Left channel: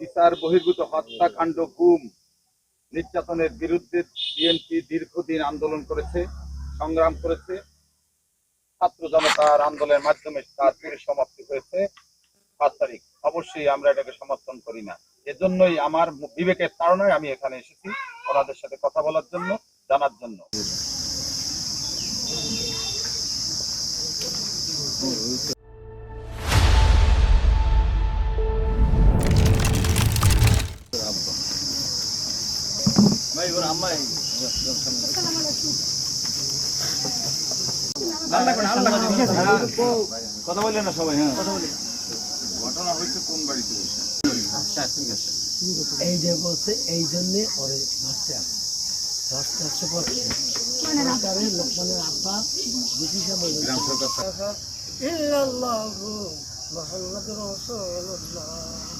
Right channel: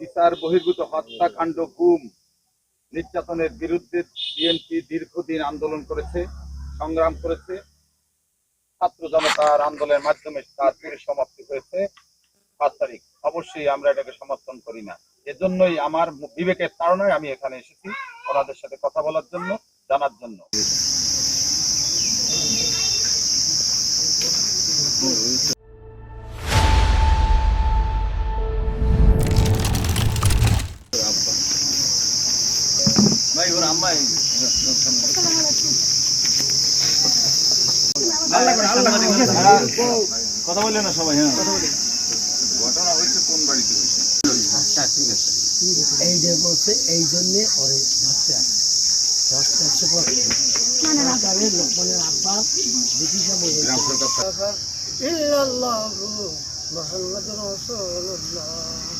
বিচার বহির্ভূত হত্যাকাণ্ড, গুম, নির্যাতনের বিরুদ্ধে বিএনপি দীর্ঘদিন আন্দোলন করেছে, সংগ্রাম করেছে। ছাত্র জনতার আন্দোলনের মাধ্যমে তার পরিসমাপ্তি হয়েছে 7 তারিখ। অবশ্যই আমরা এটাকে সমর্থন করি না। এজন্যই আমার বিবেকের তাড়নায় আমি এখানে এসেছি ওনাদের সাথে কথা বলার জন্য, জানার জন্য। কথা বললেন না সবাই? হ্যাঁ, ঘটনা হয়েছে কোন বাড়িতে হয়েছে? এই যে বলছে এই জন্যে ওরে ধরতে আসছে পরে লোকমানের আব্বা ব্রিটিশরা বলে ইল্লাল্লাহু মুহাম্মাদুর রাসূলুল্লাহ।